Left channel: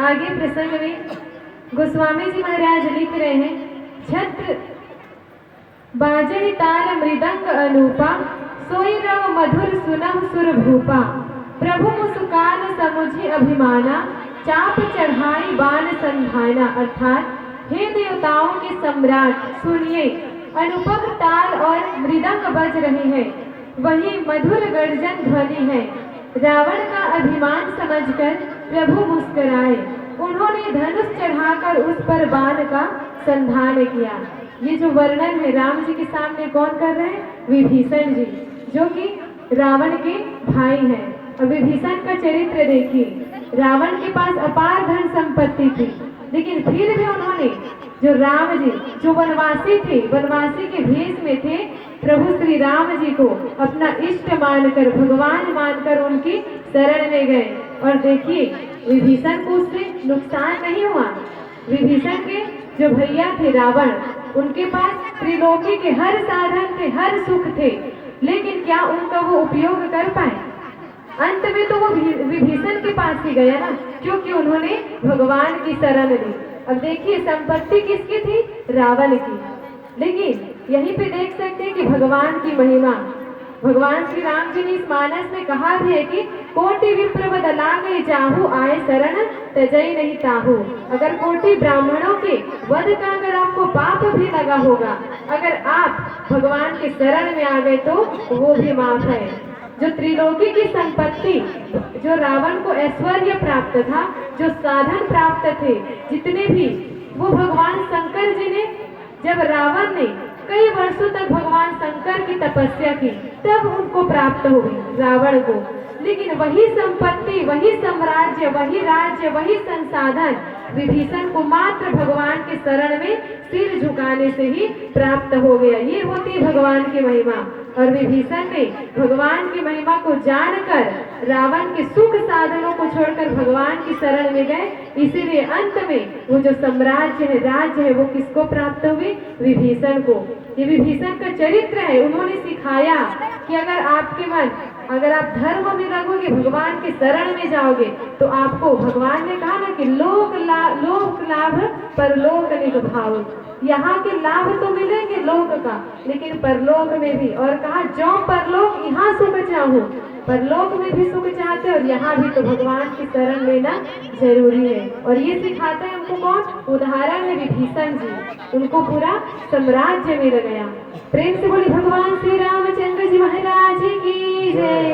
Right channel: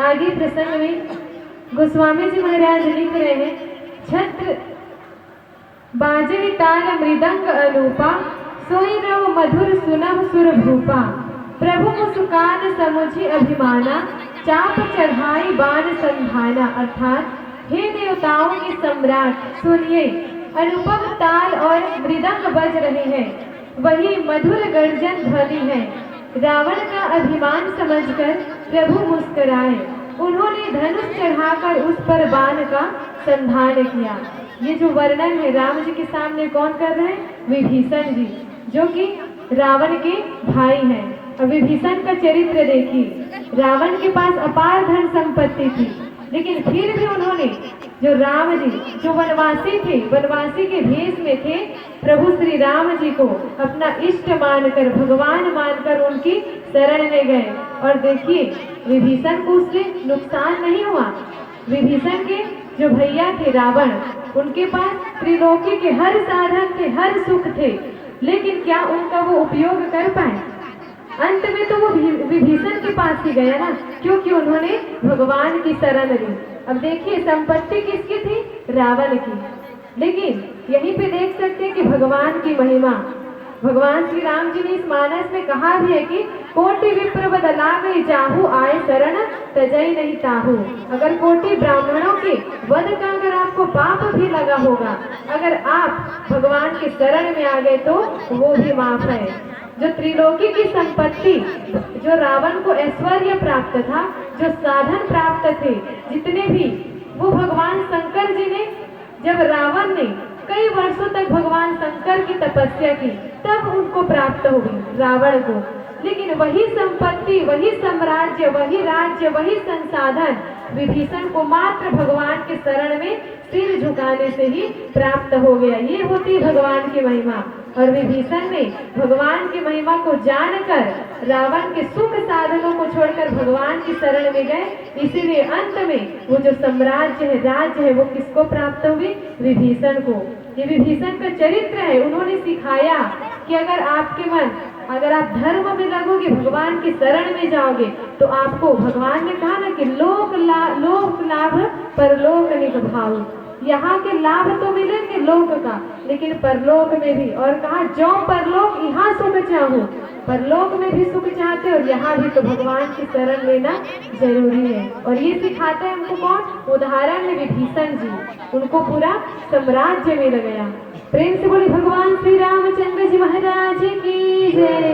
आगे प्रसंग में गोस्वामी जी महाराज लिख रहे हैं, छत्र बाजरी ताल मृदंग अनूपा, सोई रव मधुर सुनह सुर भूपा। प्रभु मुस्कान समुझी अभिमाना, चाप चढ़ाई बाण संधाना। अर्थात हे देवताओं के सम्राट सुनिए, अनुपम ताल और मृदंग बज रहे हैं, वही मधुर गर्जन ध्वनि है। रावण का अभिमान समझकर प्रभु मुस्कुराए, उन्होंने धनुष चढ़ाकर उस पर बाण का संधान किया। ये जो वर्णन है राम जी के सामने कौन कर रहे हैं? विभीषण जी, जो कि रावण के भाई हैं। और विभीषण का चरित्र देखिए, रावण के पास अपार धन संपत्ति थी, लेकिन फिर भी उन्होंने जो राम जी जो वनवासी थे, वनवासी के भेष में थे, प्रभु श्री राम जी को अपना इष्ट मानकर, भगवान मानकर उनकी शरण में गए। और देखिए विभीषण को उससे नुकसान नहीं हुआ। विभीषण के जो भैया थे रावण, उनके पास त्रिलोकी के हर साधन थे, हर सुख थे, लेकिन क्या उनका वो उपयोग कर पाए? अंत में तो वो विभीषण के पास ही गया ना, क्योंकि उन्होंने भगवान की शरण ली। अब देखिए संपत्ति किसकी थी? रावण की। लेकिन यहीं पे देख सकते हैं कि भगवान की महिमा, भगवान श्री राम जी ने इस मानस में कहा भी है कि कोटि विप्र बदला गई जाहू, आए शरण तजई नहीं ताहू। अगर कोटि ब्राह्मणों के वध का अगर आपको पाप भी लगा होगा, अगर आप भगवान के शरण में आ गए तो वो भी माफ है। जो त्रिलोकी की संपत्ति, जो रावण को ऐश्वर्य प्राप्त था, जो साधन प्राप्त थे जितने भी, वो भगवान शंकर जी ने, जब रावण ने कई वर्षों तक भगवान शंकर की तपस्या की, तब उनको प्राप्त हुई रावण को। लेकिन वही संपत्ति, वही साम्राज्य, वही राज्य, वही संसाधन विभीषण को मात्र भगवान के शरण में सिर झुकाने से ही प्राप्त हो गया। ये होती है भगवान की महिमा। और विभीषण ने भगवान की महिमा को जानकर रावण के सुख साधनों को छोड़कर भगवान की शरण में गए, इसीलिए अंत में वो जो साम्राज्य है, राज्य है, वो किसको प्राप्त हुई? विभीषण को। ये विभीषण का चरित्र है। उन्होंने सिखाया कि अगर आपके मन, अगर आप धर्म में लगोगे, भगवान के शरण में जाओगे, तो आपको, भगवान ने कहा ना कि लोक लाभ परलोक निभाओ। यहाँ के लाभ तो मिलेंगे लोक का, लेकिन परलोक में भी। और कहा जो परलोक यहाँ सुख चाहूं, परलोक में भी सुख चाहते और यहाँ भी, तो भगवान की शरण लेना जरूरी है। और ये सिखाते हैं हमको कौन? उदाहरण है विभीषण जी, उनको पूरा साम्राज्य मिल गया। प्रेम से बोले भगवान श्री रामचंद्र जी महाराज की जय।